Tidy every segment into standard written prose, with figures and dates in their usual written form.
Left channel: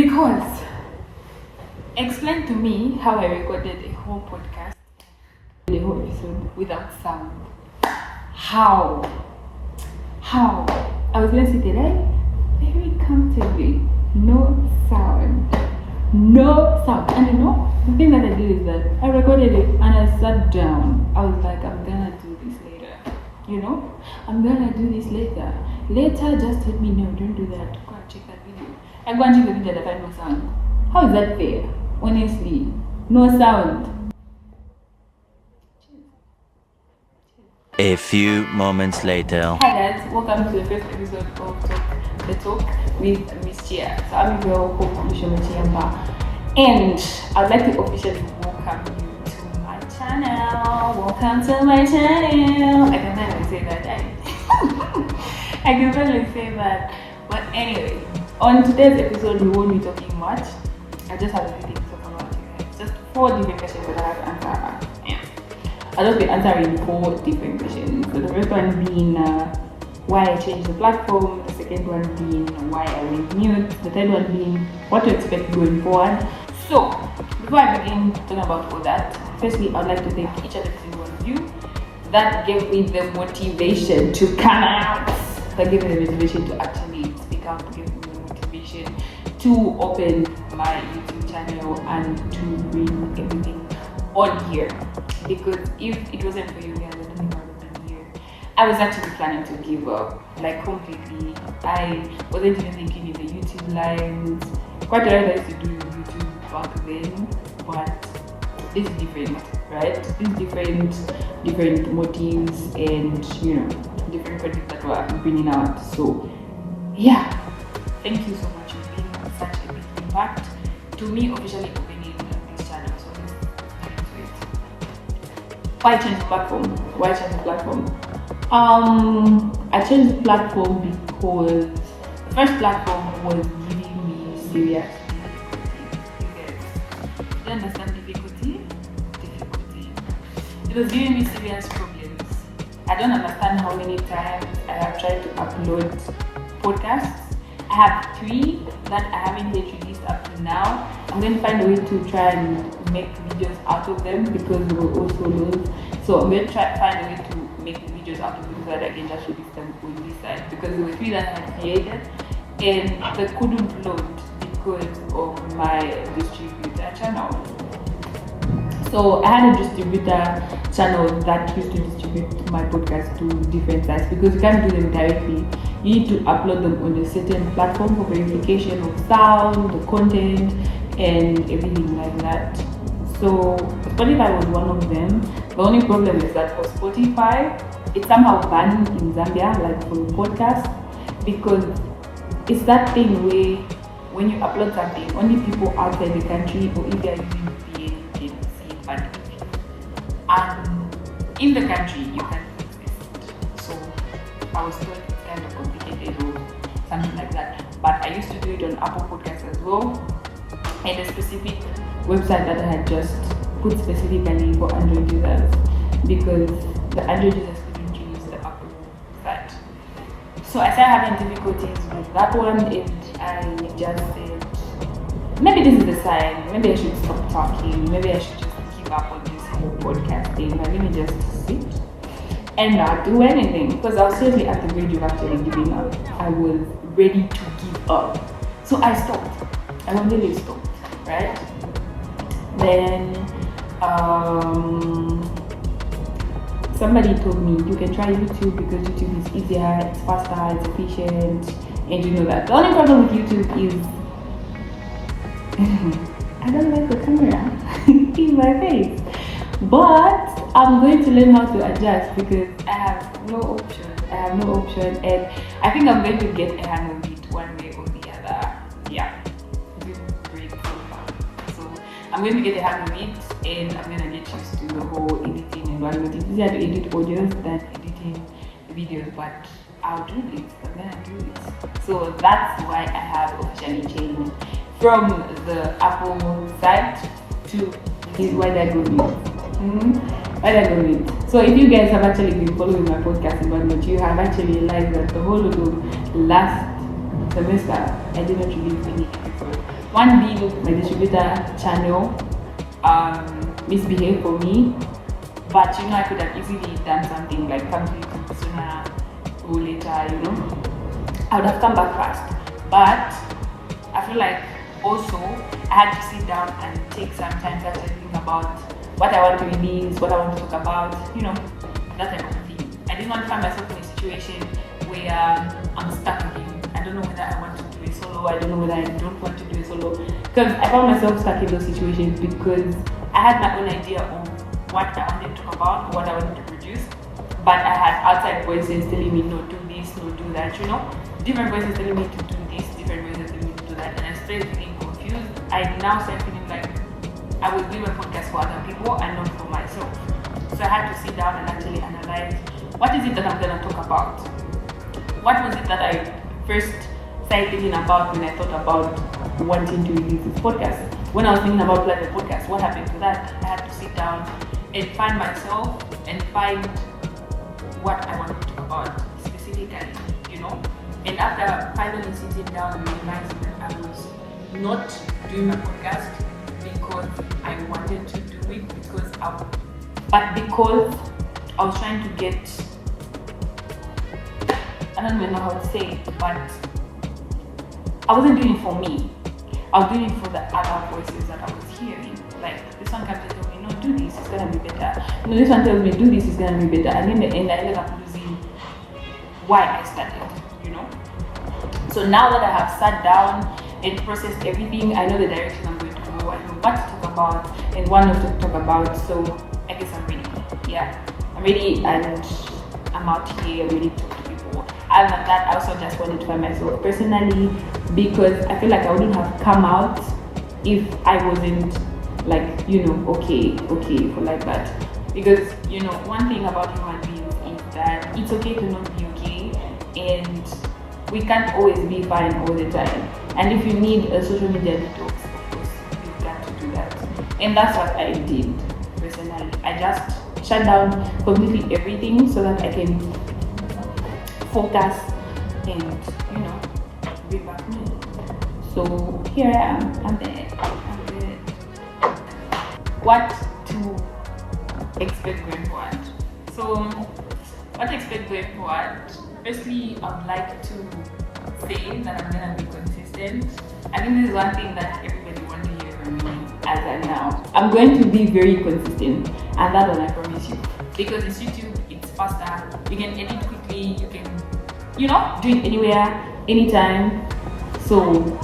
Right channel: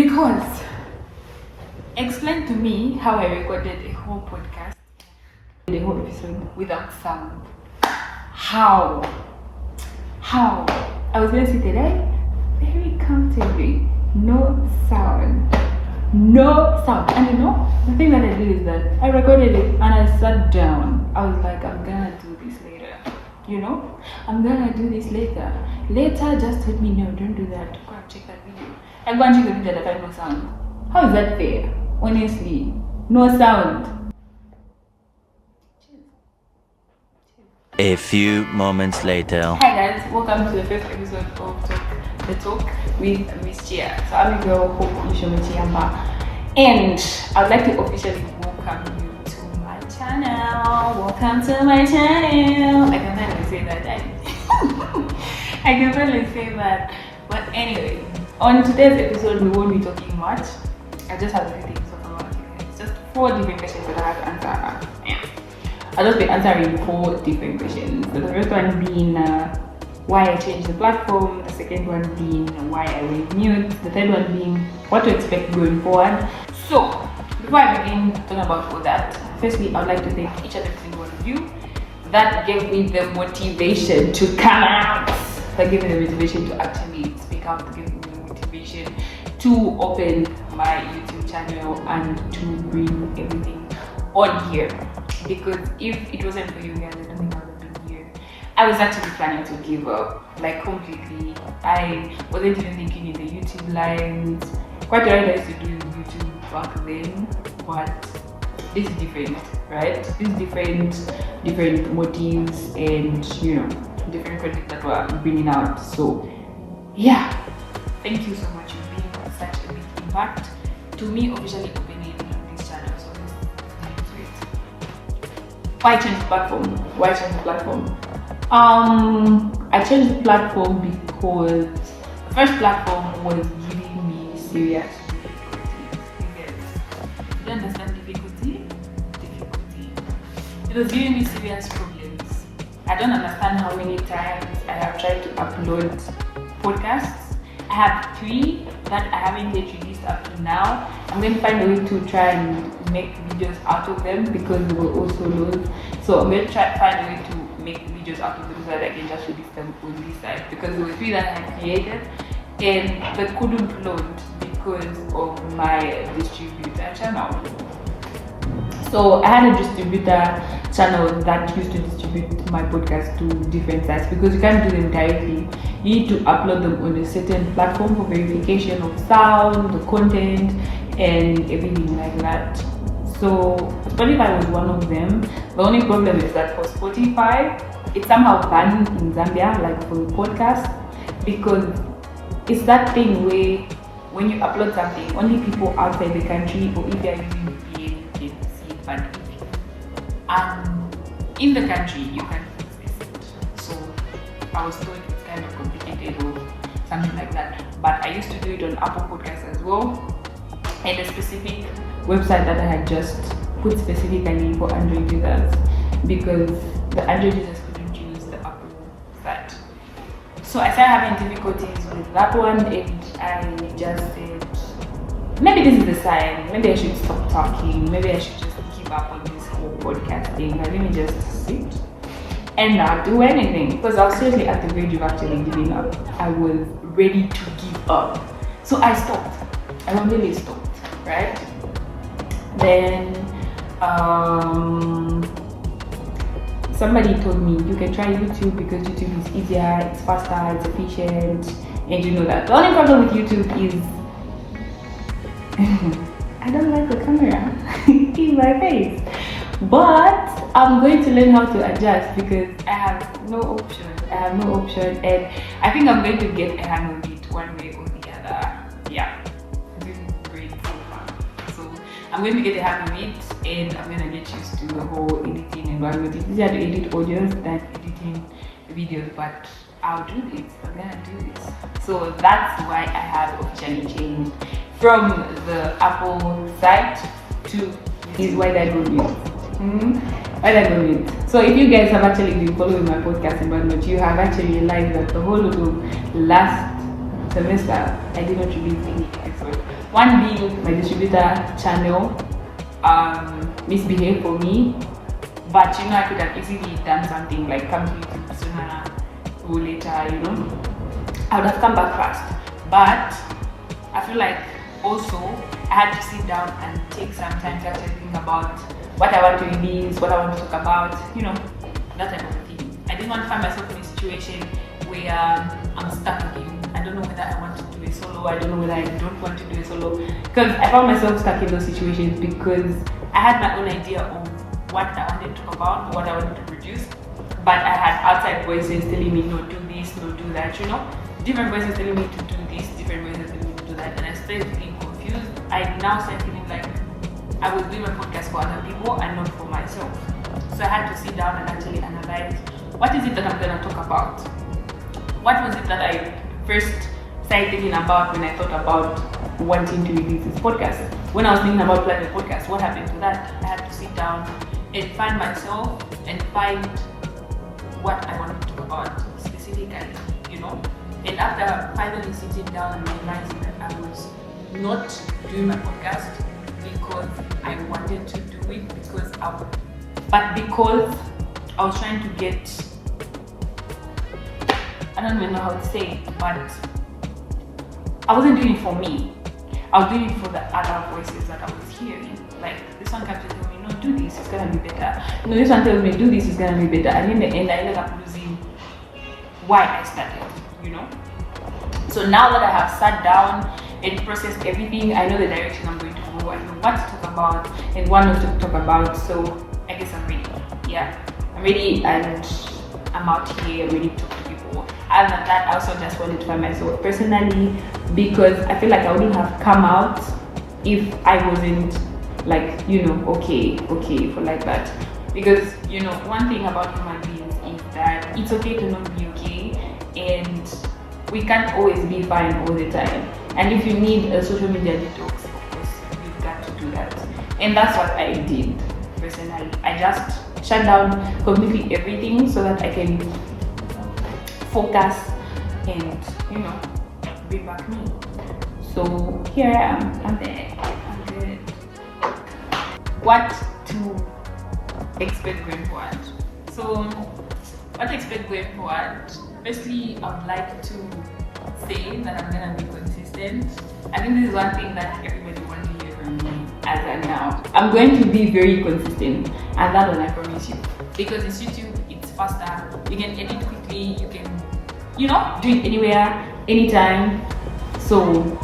Because explain to me how I recorded a whole podcast, the whole episode without sound. How? I was gonna sit there very comfortably, no sound. And you know, the thing that I did is that I recorded it and I sat down. I was like, I'm gonna do this later. I'm gonna do this later. Later, just let me know. Don't do that. Go and check that video. I go and check the video that I had no sound. How is that fair? Honestly, no sound. A few moments later. Hi guys, welcome to the first episode of The Talk with Ms.Chiya. So I'm your girl, Ms.Chiya, and I'd like to officially welcome you to my channel. Welcome to my channel. I can finally say that. I can finally say that. But anyway, on today's episode, we won't be talking much. I just have a few things to talk about you guys. Just 4 different questions that I have to answer. I'll just be answering 4 different questions. So the first one being why I changed the platform, the second one being why I went mute, the third one being what to expect going forward. So before I begin talking about all that, firstly I'd like to thank each and every single one of you that gave me the motivation to come out, that gave me the motivation to actually speak out, to give me the motivation to open my YouTube channel and to bring everything on here. Because if it wasn't for you guys, I don't think I would have been here. I was actually planning to give up, like completely. I wasn't even thinking in the YouTube lives. Quite right, I used to do YouTube back then, but it's different, right? It's different motives and different content that we're bringing out. So yeah, thank you so much for being such a big impact to me officially opening this channel. So why change the platform? I changed the platform because the first platform was giving me serious difficulty. You don't understand difficulty? It was giving me serious problems. I don't understand how many times I have tried to upload podcasts. I have 3 that I haven't yet released up to now. I'm going to find a way to try and make videos out of them because they were also loads. So I'm going to try to find a way to make videos out of them so that I can just release them on this side, because there were 3 that I created and they couldn't load because of my distributor channel. So I had a distributor channel that used to distribute my podcast to different sites, because you can't do them directly. You need to upload them on a certain platform for verification of sound, the content, and everything like that. So Spotify was one of them. The only problem is that for Spotify, it's somehow banned in Zambia, like for podcasts, because it's that thing where when you upload something, only people outside the country, or if they are using VPN, you can see it, but and in the country, you can fix it. So I was told it's kind of complicated or something like that. But I used to do it on Apple Podcasts as well, and a specific website that I had just put specifically for Android users, because the Android users couldn't use the Apple site. So I started having difficulties with that one, and I just said, maybe this is a sign, maybe I should stop talking, maybe I should just give up on this whole podcast thing, like let me just sit and not do anything, because I was seriously at the verge of actually giving up. I was ready to give up. So I stopped. I completely stopped, right? Then somebody told me you can try YouTube because YouTube is easier, it's faster, it's efficient, and you know that. The only problem with YouTube is I don't like the camera in my face, but I'm going to learn how to adjust because I have no option, and I think I'm going to get a hang of it one way or the other. Yeah, this is great so far. So I'm going to get a hang of it, and I'm going to get used to the whole editing environment. It's easier to edit audios than editing videos, but I'll do this. I'm going to do this. So that's why I have officially changed from the Apple site to this Why Did I Go Mute. Why Did I Go Mute? So if you guys have actually been following my podcast environment, you have actually realized that the whole of last semester I did not release any episode. One being my distributor channel misbehaved for me, but I could have easily done something like come to YouTube sooner or later. I would have come back fast. But I feel like also I had to sit down and take some time to actually think about what I want to release, what I want to talk about, that type of thing. I didn't want to find myself in a situation where I'm stuck again. I don't know whether I want to do a solo, I don't know whether I don't want to do a solo. Because I found myself stuck in those situations because I had my own idea on what I wanted to talk about, what I wanted to produce. But I had outside voices telling me, no, do this, no, do that, Different voices telling me to do this, different voices telling me to do that. And I started feeling confused. I now started feeling like I was doing a podcast for other people and not for myself. So I had to sit down and actually analyze, what is it that I'm going to talk about? What was it that I first started thinking about when I thought about wanting to release this podcast? When I was thinking about planning a podcast, what happened to that? I had to sit down and find myself and find what I wanted to talk about specifically, And after finally sitting down and realizing that I was not doing my podcast because I wanted to do it, because I was trying to get, I don't even know how to say it, but I wasn't doing it for me. I was doing it for the other voices that I was hearing. Like, this one kept telling me, no, do this, it's gonna be better. No, this one tells me, do this, it's gonna be better. And in the end, I ended up losing why I started, So now that I have sat down and processed everything, I know the direction I'm going to go, I know what to talk about and what not to talk about. So I guess I'm ready. Yeah, I'm ready and I'm out here, I'm ready to talk to people. Other than that, I also just wanted to find myself personally, because I feel like I wouldn't have come out if I wasn't like, okay for like that. Because, one thing about human beings is that it's okay to not be okay, and we can't always be fine all the time. And if you need a social media detox, of course, you've got to do that. And that's what I did personally. I just shut down completely everything so that I can focus and, bring back me. So here I am. I'm there. I'm good. What to expect going forward? So, what to expect going forward? Firstly, I would like to say that I'm gonna be consistent. I think this is one thing that everybody wants to hear from me as of now. I'm going to be very consistent, and that one I promise you. Because it's YouTube, it's faster. You can edit quickly. You can, do it anywhere, anytime. So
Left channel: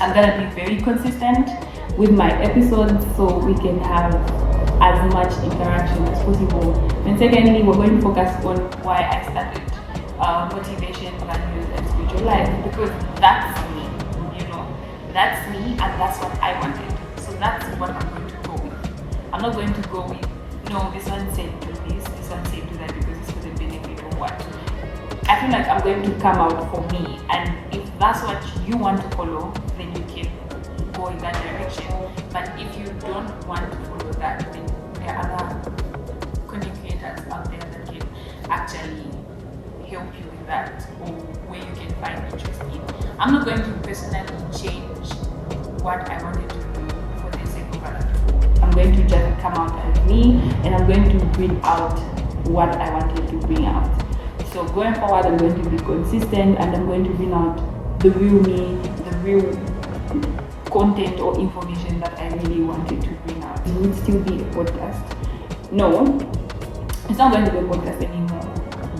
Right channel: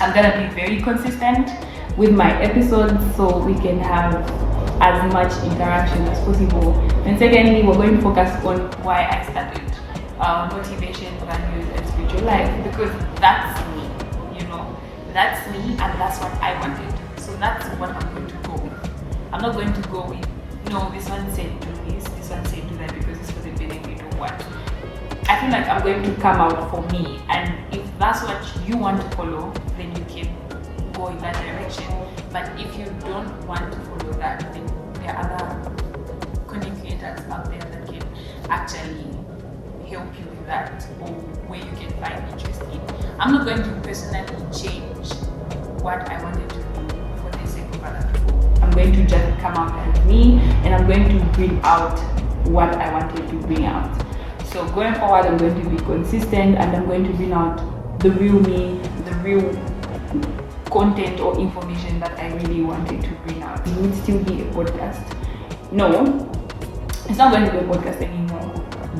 I'm gonna be very consistent with my episodes, so we can have as much interaction as possible. And secondly, we're going to focus on why I started. Motivation, values, and spiritual life, because that's me, that's me, and that's what I wanted. So that's what I'm going to go with. I'm not going to go with, no, this one said do this one said do that because it's for the benefit of what. I feel like I'm going to come out for me, and if that's what you want to follow, then you can go in that direction. But if you don't want to follow that, then there are other content creators out there that can actually help you with that, or where you can find interest in. I'm not going to personally change what I wanted to do for the sake of other people. I'm going to just come out as me, and I'm going to bring out what I wanted to bring out. So going forward, I'm going to be consistent, and I'm going to bring out the real me, the real content or information that I really wanted to bring out. It would still be a podcast. No, it's not going to be a podcast anymore.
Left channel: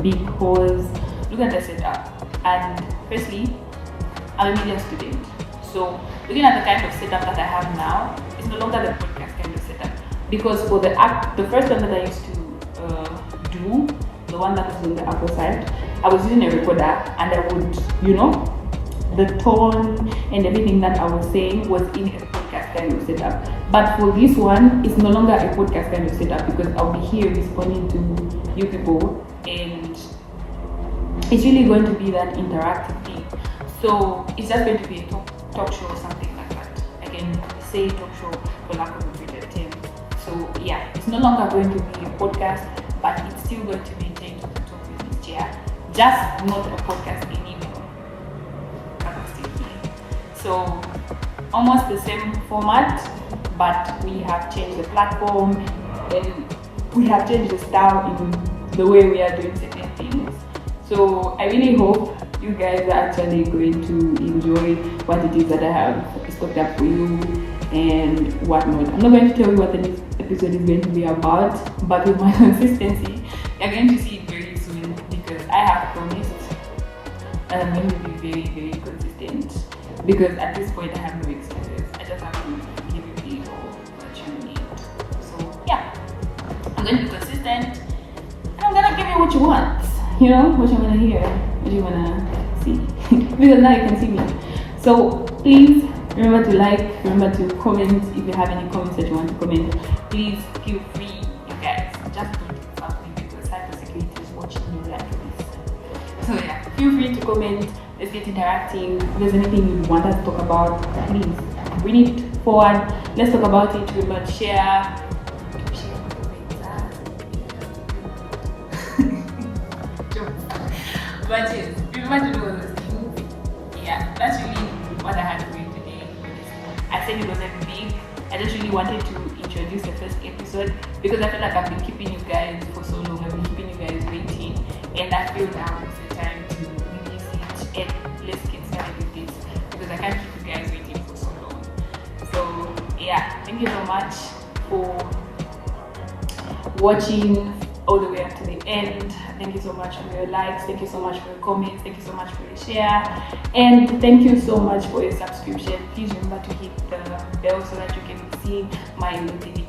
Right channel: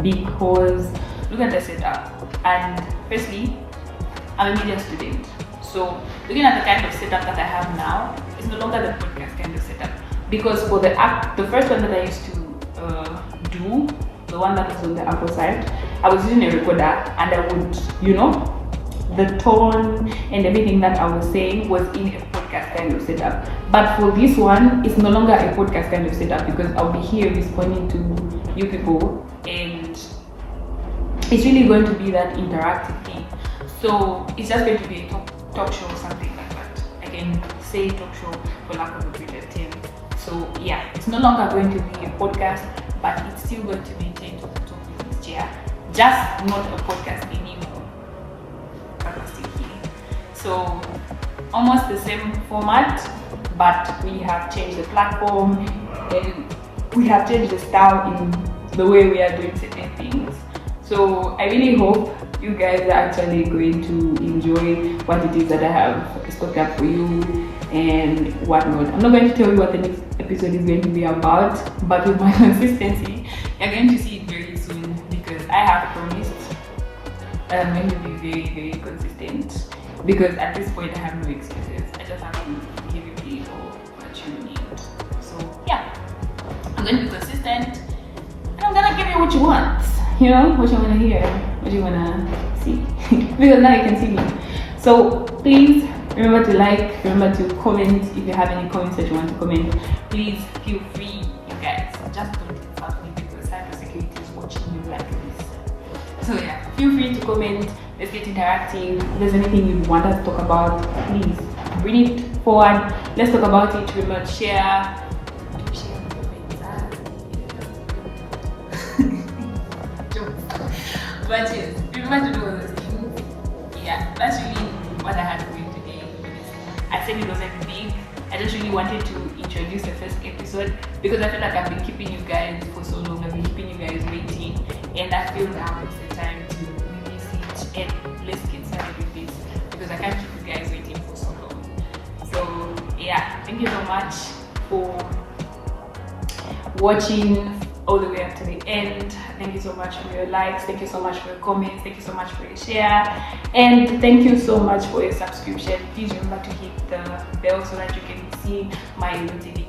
Because look at the setup. And firstly, I'm a media student, so looking at the kind of setup that I have now, it's no longer the podcast kind of setup. Because for the first one that I used to do, the one that was on the Apple side, I was using a recorder, and I would, the tone and everything that I was saying was in a podcast kind of setup. But for this one, it's no longer a podcast kind of setup, because I'll be here responding to you people, and it's really going to be that interactive thing. So it's just going to be a talk show or something like that. I can say talk show for lack of a better term. So yeah, it's no longer going to be a podcast, but it's still going to be Take Talk with Ms.Chiya. Just not a podcast anymore. So almost the same format, but we have changed the platform and we have changed the style in the way we are doing certain things. So I really hope you guys are actually going to enjoy what it is that I have stocked up for you and whatnot. I'm not going to tell you what the next episode is going to be about, but with my consistency, you're going to see it very soon, because I have promised that I'm going to be very, very consistent, because at this point I have no excuses. I just have to give you people what you need. So yeah, I'm going to be consistent and I'm going to give you what you want, you know, what you want to hear, what you want to see, because now you can see me. So please remember to like, remember to comment. If you have any comments that you want to comment, please feel free, you guys. Just don't insult me, because cybersecurity is watching you like this. So yeah, feel free to comment. Let's get interacting. If there's anything you want us to talk about, please bring it forward. Let's talk about it. Remember to share. But yes, remember to do all those things. Yeah, that's really what I had to do today. I said it wasn't big. I just really wanted to introduce the first episode, because I feel like I've been keeping you guys for so long. I've been keeping you guys waiting, and I feel now is the time to release it, and let's get started with this, because I can't keep you guys waiting for so long. So yeah, thank you so much for watching all the way up to the end. Thank you so much for your likes, thank you so much for your comments, thank you so much for your share, and thank you so much for your subscription. Please remember to hit the bell so that you can see my notifications